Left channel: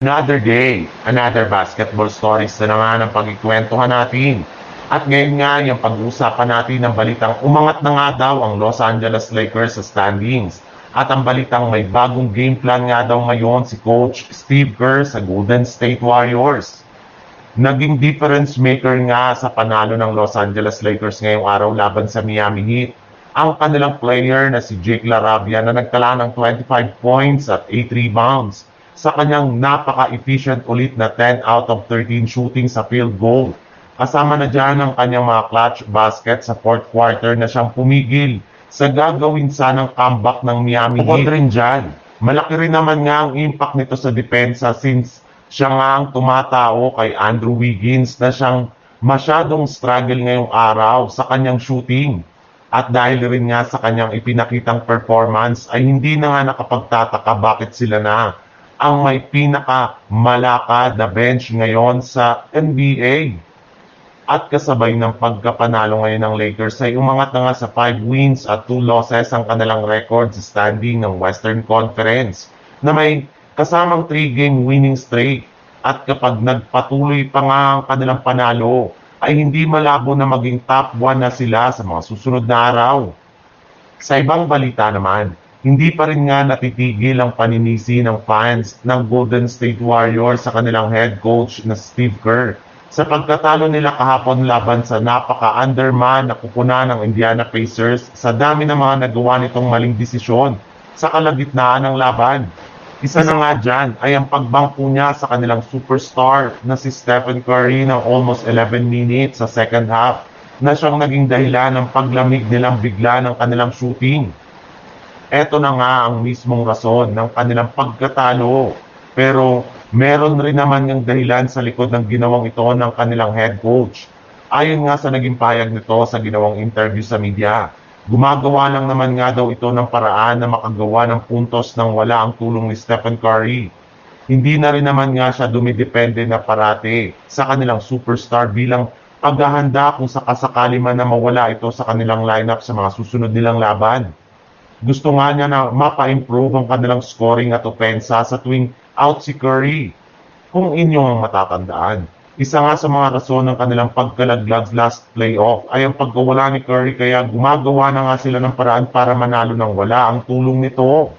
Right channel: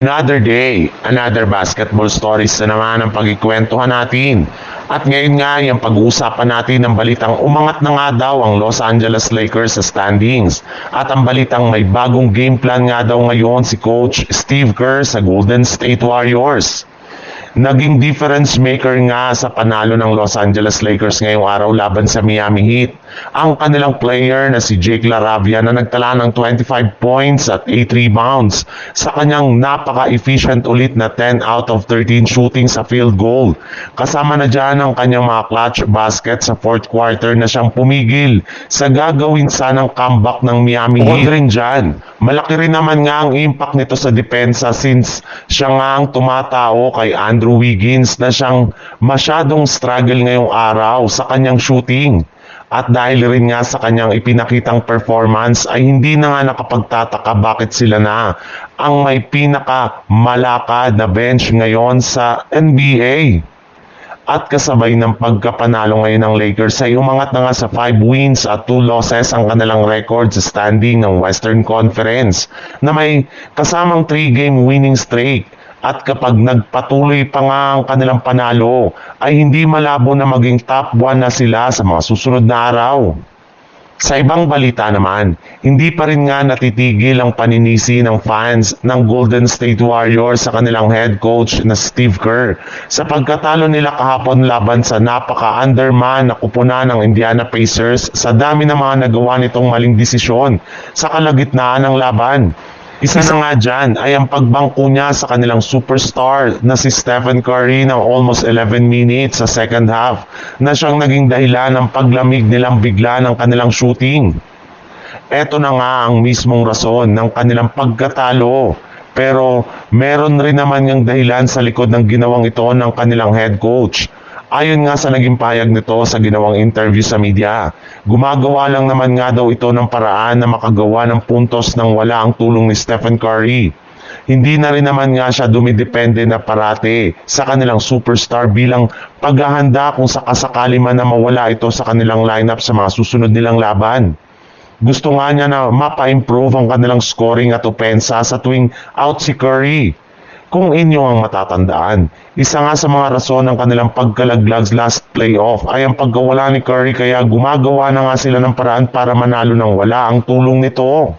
Another day, another basketball stories na naman ang pagkikwentuhan natin. At ngayon nga, yung pag-uusapan natin ang balitang umangat na nga daw ang Los Angeles Lakers sa standings. At ang balitang may bagong game plan nga daw ngayon si Coach Steve Kerr sa Golden State Warriors. Naging difference maker nga sa panalo ng Los Angeles Lakers ngayong araw laban sa Miami Heat ang kanilang player na si Jake LaRavia na nagtala ng 25 points at 8 rebounds sa kanyang napaka-efficient ulit na 10 out of 13 shooting sa field goal. Kasama na dyan ang kanyang mga clutch basket sa fourth quarter na siyang pumigil sa gagawin sanang comeback ng Miami Heat. Rin dyan, malaki rin naman nga ang impact nito sa depensa since siya nga ang tumatao kay Andrew Wiggins na siyang masyadong struggle ngayong araw sa kanyang shooting. At dahil rin nga sa kanyang ipinakitang performance ay hindi na nga nakapagtataka bakit sila na ang may pinakamalakad na bench ngayon sa NBA. At kasabay ng pagkapanalo ngayon ng Lakers ay umangat na nga sa 5 wins at 2 losses ang kanilang record sa standing ng Western Conference na may kasamang 3-game winning streak. At kapag nagpatuloy pa nga ang kanilang panalo, ay hindi malabo na maging top 1 na sila sa mga susunod na araw. Sa ibang balita naman, hindi pa rin nga natitigil ang paninisi ng fans ng Golden State Warriors sa kanilang head coach na Steve Kerr sa pagkatalo nila kahapon laban sa napaka-underman na kupunan ng Indiana Pacers sa dami ng mga nagawa nitong maling desisyon sa kalagitnaan ng laban. Isa na nga dyan ay ang pagbangko niya sa kanilang superstar na si Stephen Curry ng almost 11 minutes sa second half na siyang naging dahilan ng paglamig nilang bigla ng kanilang shooting. Ito na nga ang mismong rason ng kanilang pagkatalo. Pero meron rin naman yung dahilan sa likod ng ginawang ito ng kanilang head coach. Ayon nga sa naging pahayag nito sa ginawang interview sa media, gumagawa lang naman nga daw ito ng paraan na makagawa ng puntos nang wala ang tulong ni Stephen Curry. Hindi na rin naman nga siya dumidepende na parate sa kanilang superstar bilang paghahanda kung sakasakali man na mawala ito sa kanilang lineup sa mga susunod nilang laban. Gusto nga niya na mapa-improve ang kanilang scoring at opensa sa tuwing out si Curry. Kung inyo ang matatandaan, isa nga sa mga rason ng kanilang pagkalaglag last playoff ay ang pagkawala ni Curry kaya gumagawa na nga sila ng paraan para manalo nang wala ang tulong nito.